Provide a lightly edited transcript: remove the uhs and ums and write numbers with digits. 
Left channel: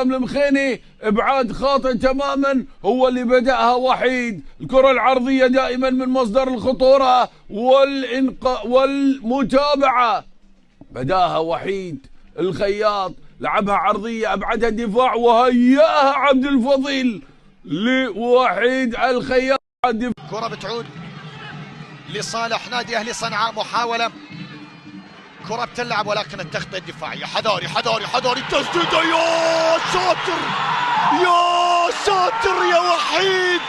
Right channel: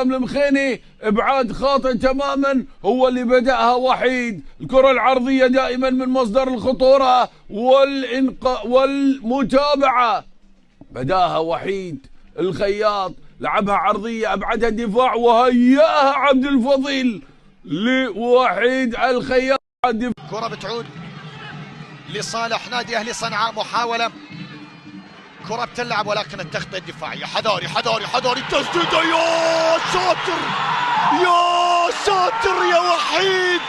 حسام المخيني ابعاد خاطئ تماما، هو اللي بدأها وحيد. الكرة العرضية دائما من مصدر الخطورة والمتابعة، بداها وحيد الخياط، لعبها عرضية أبعدها الدفاع وهيأها عبد الفضيل لوحيد الخياط. كرة بتعود لصالح نادي أهلي صنعاء، محاولة كرة بتلعب ولكن التغطية الدفاعية. حذاري حذاري حذاري، التسديدة يا ساتر يا ساتر يا وحيد.